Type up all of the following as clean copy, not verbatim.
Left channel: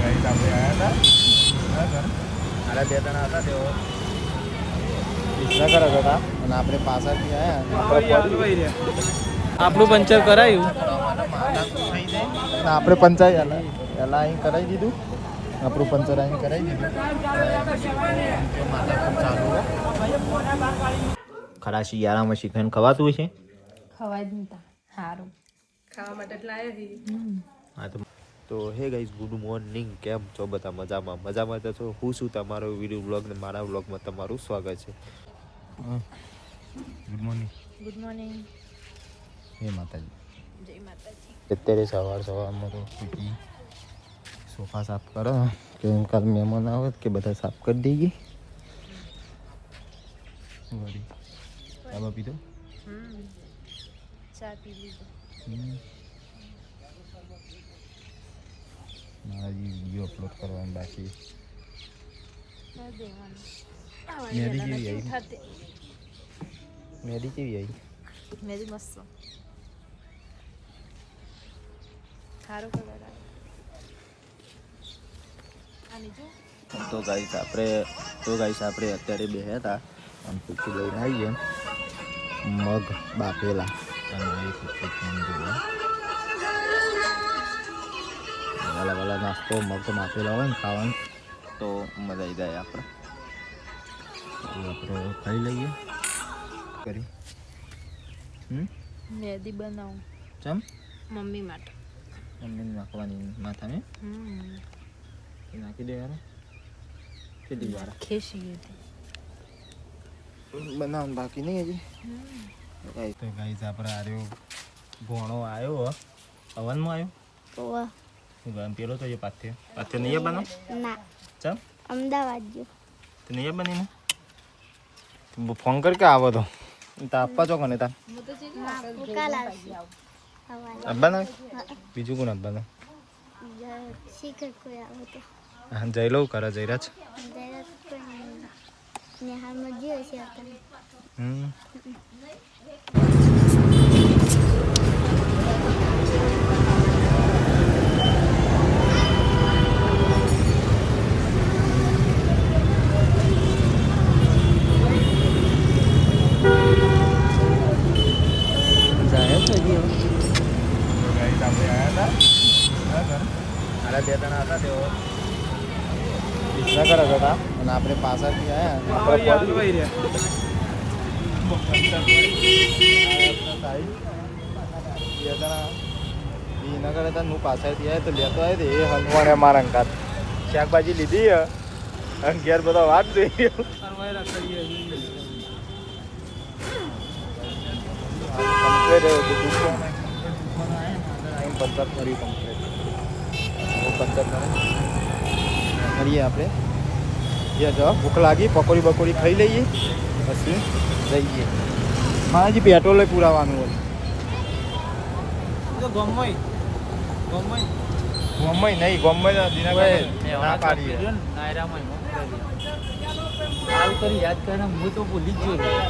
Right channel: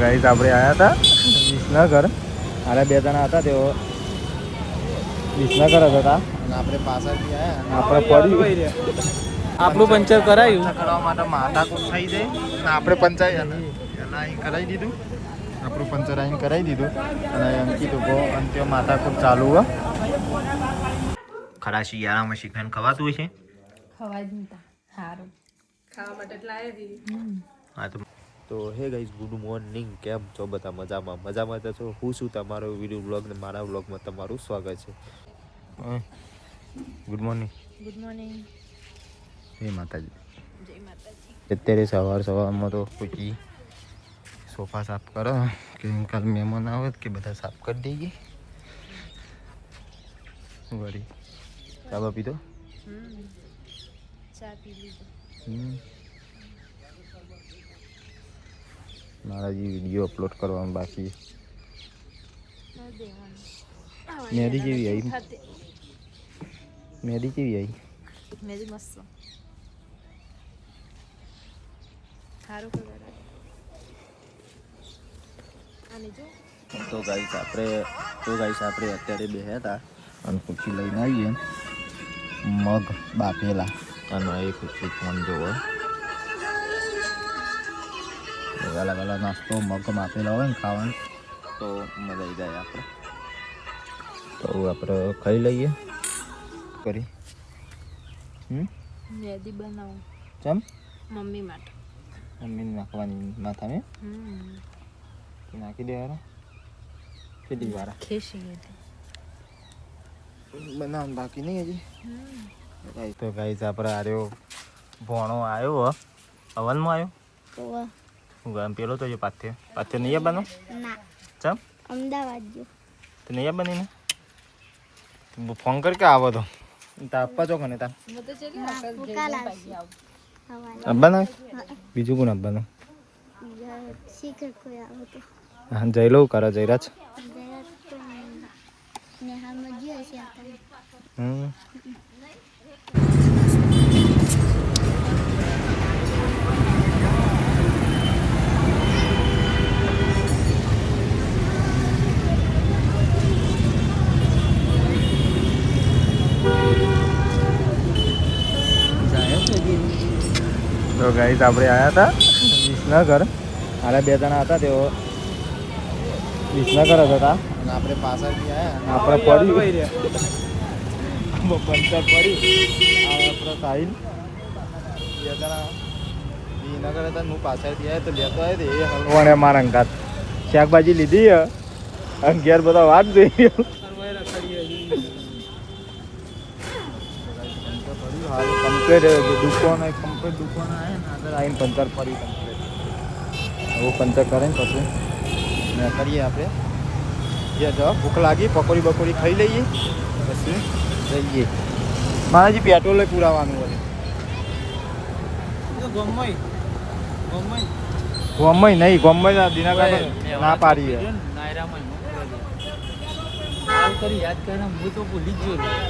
guys આપણે આવ્યા હતા ના ઘર અને બે જણા હતા તેઓ વિસનગર હતા અને આપણે પાછળથી આવ્યા આપણું પંચર કરાયું કરવા માટે માથાકૂટ થઈ જાય અને આપણે પંચાય અને પહેલાં અહીં કરાવી દીધું આપણું પંચર અહીં કરાવી દીધું અને અંત્ય માથાકૂટ ચાલુ હોય ખરા શિયાળામાં શિખંડ ખવાતું હોય છે ખવાય જ નતા સારું ખાવા માટે હા તો હે ગાઈઝ ગુડ મોર્નિંગ કેમ છો બધા મજામાં તો છો હું છું તમારો વિડીયો બ્લોગ ને મારા બ્લોગમાં તમારું સ્વાગત છે ગુડ મોર્નિંગ જય માતાજી અત્યારે સવારમાં તો પછી સોફા સાફ કરો કે કાલ મહેમાન આવે કે બધા સાફ કરી દઈએ વળી ચા પીધો ચા પી લીધો મારા જે વિડીયો અપલોડ કરવાનું બાકી મેદી કેવી આવી મેદી મસ્ત સારું કલર આવે આને જો તો ગાઈસ આપણે અત્યારે બેહ્યા હતા અને ખુરશી લઈને આવીએ મગ બાફેલા અને એ ખુરશી મન જોવો વાલા નાસ્તો મગ બાફેલા હોય ને ખાવાનું તો મજા આવી જાય આપણે તો આપણે ખાઈ લઈએ કરી મેદી બનાવું ચમ મમ્મી માટે મમ્મીને નાખવાની માથાને નાખી દે યાર કેટલી વાર ખેશી બનાવવાનું બાકી નહીં હજી તો ગાઈસ આપણે આર્યો ભોણો આવ્યો હવનમાં આવ્યો હું ગામ પેલો તો પાથે નહીં બનો ના ચમ અમદાવાદ જો તો નહીં બનીને ફોન કર કે આવો તો આપવા છો કને તા કાલ આવશે અબ્બાના બીજું કોણ અબ્બાના શીખર કોઈ આવે તો હા જઈ લઉં કરા જયરાજ નેહાલમાં જે હશે આપણે તો ગાઈસ આપણે આવ્યા હતા વિસનગર અને બે જણા હતા તેઓ વિસનગર હતા અને આપણે પાછળથી આવ્યા બે જણા વિસનગર હતા હું પાછળથી આવ્યા તો લેતો આવ્યો તો એ હલવાને મારા અંગાત શાકભાજી લીધી અગિયાર બધા વાત જોઈ દુકાન આવે ને આગળ આવીને પંચર ફરી કમ્પ્લીટ પંચર કરે ને પછી કરીએ આપણે જ્યાં જવા ભૂખ લાગી પકોડી બકોડી ખાઈ લઈએ પછી જઈએ મારે જે પેટ્રોલે પુરાવાનું હોય ગોમય નહીં ગોમય ના પાડીએ યાદ કરીને હું તો ભૂલી જ ગયો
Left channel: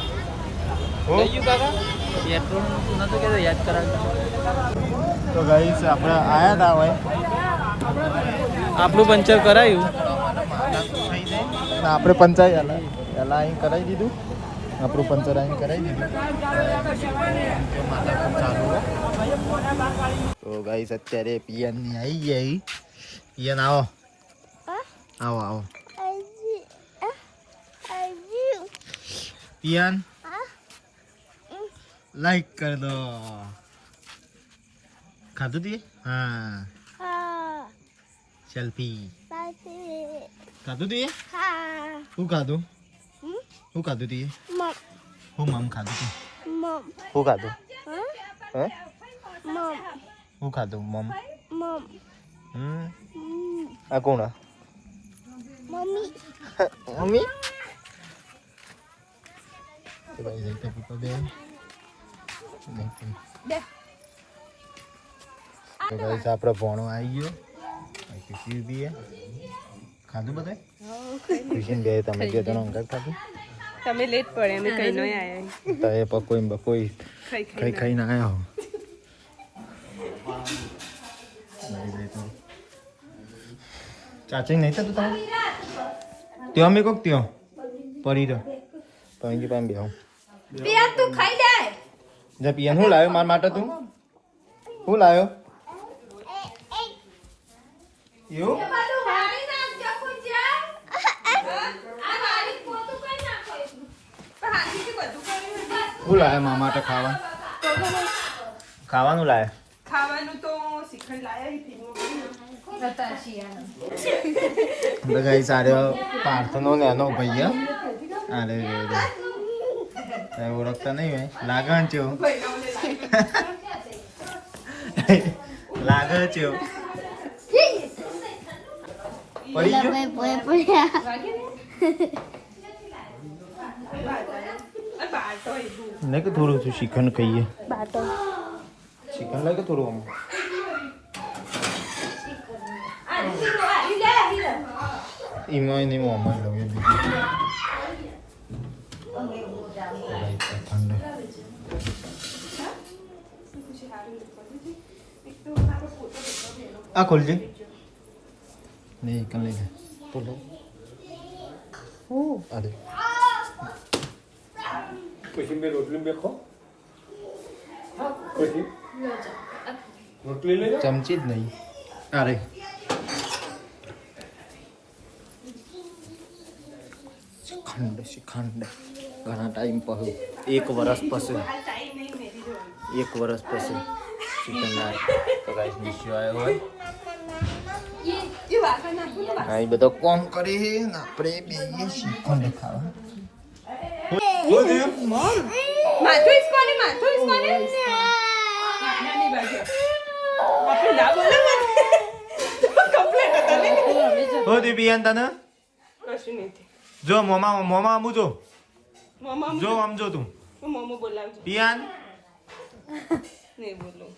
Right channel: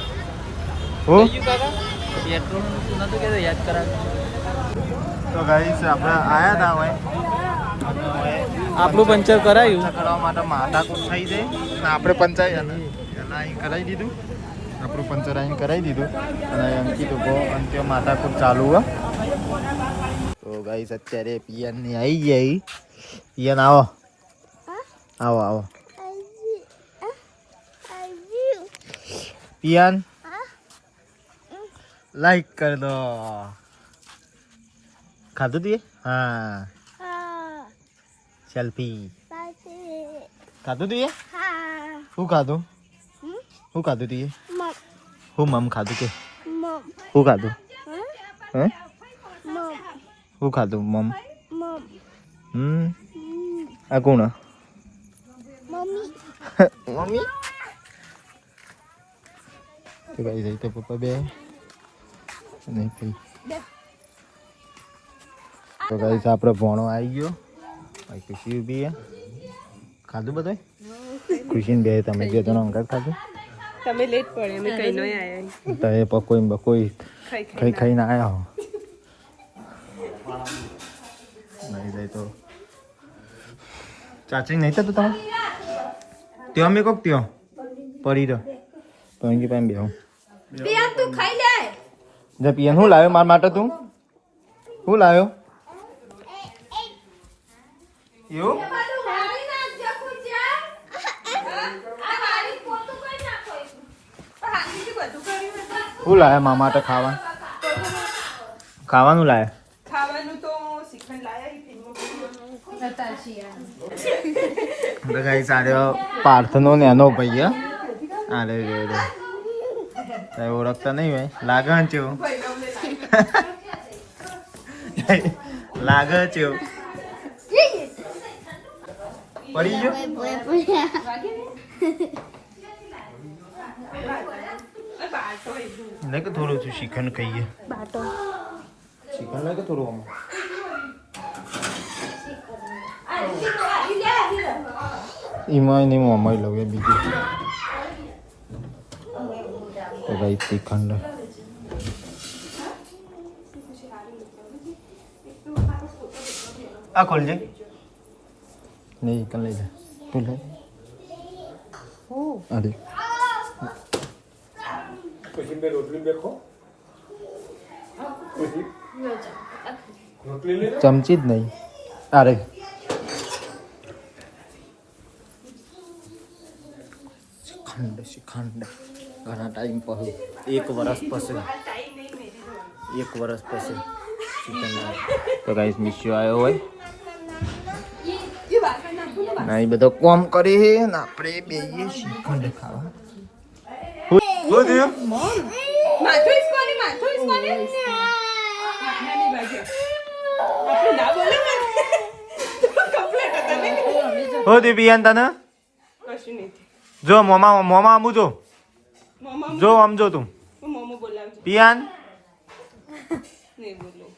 પેટ્રોલ નતું કે યાદ કરાવ તો ગાઈસ આપણે આયા હતા હવે આપણું પંચર કરાયું કરવા માટે માથાકૂટ થઈ જાય અને આપણે પંચાય અને પહેલાં અહીં કરાવી દીધું આપણું પંચર અહીં કરાવી દીધું અંત્ય માથાકૂટ ચાલુ હોય તો ગાઈસ અત્યારે પિયાનની આવી જાય પિયાન આવો આવો પિયાન લાઈક કર દો ખાધું તું હા સેલ્ફી ખાધું તું શું ખાધું શું ખાધું તું હું મમ ખાધું કે શું ખાધું શું ખાધું મમ આ કોણ મમ્મી તો પપ્પા બે તો ગાઈસ આપણે ભોણો આવી ગયો ખુશી બી ખાધું બધા ખુશીને બે તમે બે જણા ઊંઘા ખાધું તમે લેટ પડે અમે કઈ નો આયા તો એ પકોઈ બકોઈ ખાઈને આયા હો નહીં તો ચાચી નહીં થતું તમે ત્યાં અમે કોક ત્યાં પડી રહ્યો તો અહીં કઈ બેહો પિયા તું ખાઈ લે જે પિયન શું લાવ્યો મારા માટે તું શું લાવ્યો એવું શું લાવ્યા મારા માટે ખાવાનું લાવ્યા ખાવાનું તો શ્રીખંડ લાયા ગાઈ સારો પાર્થનો ને એનો ભાઈ અરે રે રે ઓળખતા નહીં હોય લાગણ છે લાગે છે પડી ગયો નહીં કે થોડું છું શ્રીખંડ ખાઈએ શ્રીખંડ લાગે થોડું આમ એમાં નહીં મમ્મી લવે બીજું શ્રીખંડ આ ખોલજે નહીં કલ લઈ જા અરે પછી બે રોટલી બેખો પછી રોટલી લે ચમચી જ નહીં અરે શ્રીખંડ ઘણા ટાઈમ પછી 1 વર્ષ પછી 1 વર્ષ પછી શ્રીખંડ તો ગાઈસ નિશ્ચય આવ્યો હોય ના એ બધો કોમ કરી ને આપણે બેઈએ શ્રીખંડ ખાવા માથું ઇસકોની નાની બાજુ આપણે ના બોલે ને કમ્પ્લીટ હતા ને હો દિવ્યાન તને કશું નહીં જો મોમા આમુ જો મમ્મા જો આમ જો તું મમ્મા બોલાવજો પિયાન નહીં બોલો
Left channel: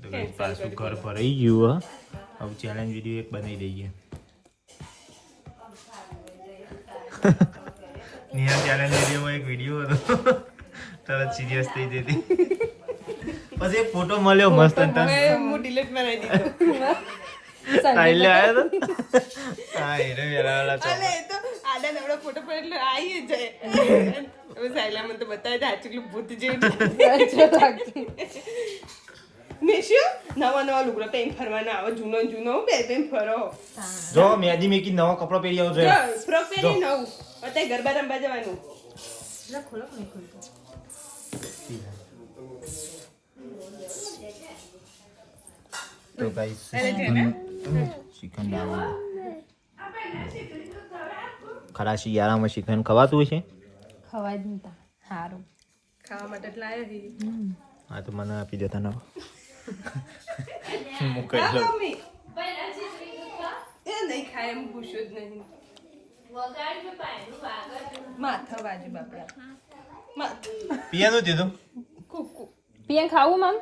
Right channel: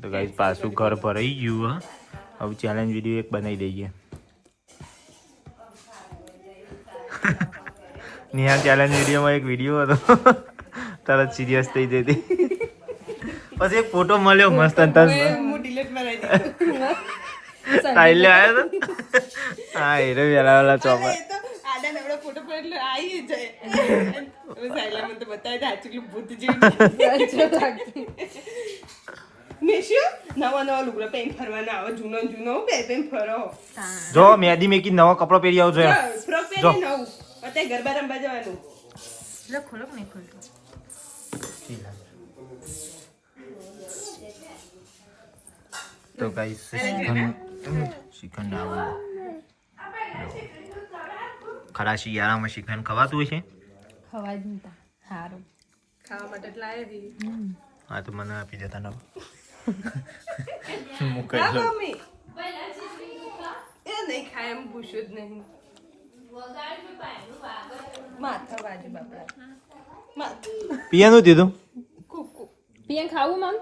તો ગાઈસ પાછું ઘર ભરાઈ ગયું હવે ચેલેન્જ વિડીયો એક બનાવી દઈએ નિહાલ ચેલેન્જ વિડીયોમાં એક વિડીયો હતો તરત સિરિયસ થઈ જતી પછી એક ફોટો મળ્યો મસ્ત હું ડિલીટ બનાવી દીધો સ્ટાઇલ આવ્યો તો હા એ રે વેલા વેલા ચોપા એ તો આડા નવડા ફોટો પર એટલે આવી જાય હવે સાયલા મને તો બતાવે છે આચુકલું ભૂત જેવી મેશ્યો નવા લુગડા પહેરીને ફરવાના આવે જૂનો બે પહેરીને ફરો જો મેદી મેકી નવો કપડો પહેરી આવજો ફ્રોક પહેરી નવું અત્યારે ગરબા રમવા જવાનું તો ગાઈસ શ્રીખંડ આવો ખરા શિયાળામાં શ્રીખંડ ખવાતું હોય છે ખવાય જ નતા સારું ખાવા માટે એટલે આવ્યા છીએ હા તો મને આપી દેતા ને મુકાઈ લો મમ્મી એ નહીં ખાય એમ પૂછ્યું જ નહીં માથા બાજુ બાપડા પિયાનું દીધું કુકુ પિયા ખાવું મમ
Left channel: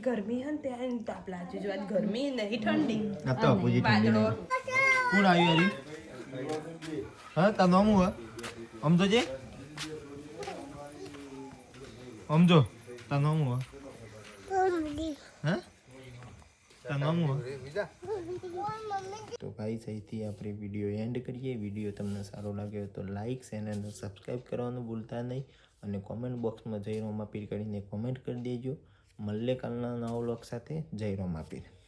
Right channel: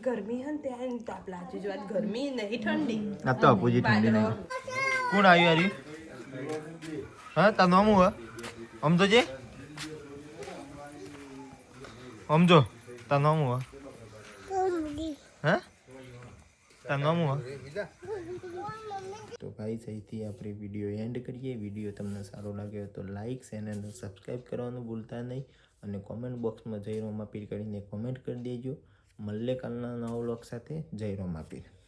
ગરમી હન ત્યાં તાપ લાજુ જો આજ ગરમી નહીં ઠંડી આ તો અપોજી ઠંડી નહીં કોણ આવ્યું હરી હા તારું નામ હું સમજો જે સમજો તારું નામ હું હા તારું નામ હું તો ભાઈ સહીથી આપણે વિડીયો એન્ડ કરીએ વિડીયો તમને સારો લાગ્યો તો લાઈક ચેનલને સબસ્ક્રાઈબ કરવાનું ભૂલતા નહીં અને કોમેન્ટ બોક્સમાં જય રોમાપીર કરીને કોમેન્ટ કરી દેજો મળીએ કાલના નવા વ્લોગ સાથે જય રોમાપીર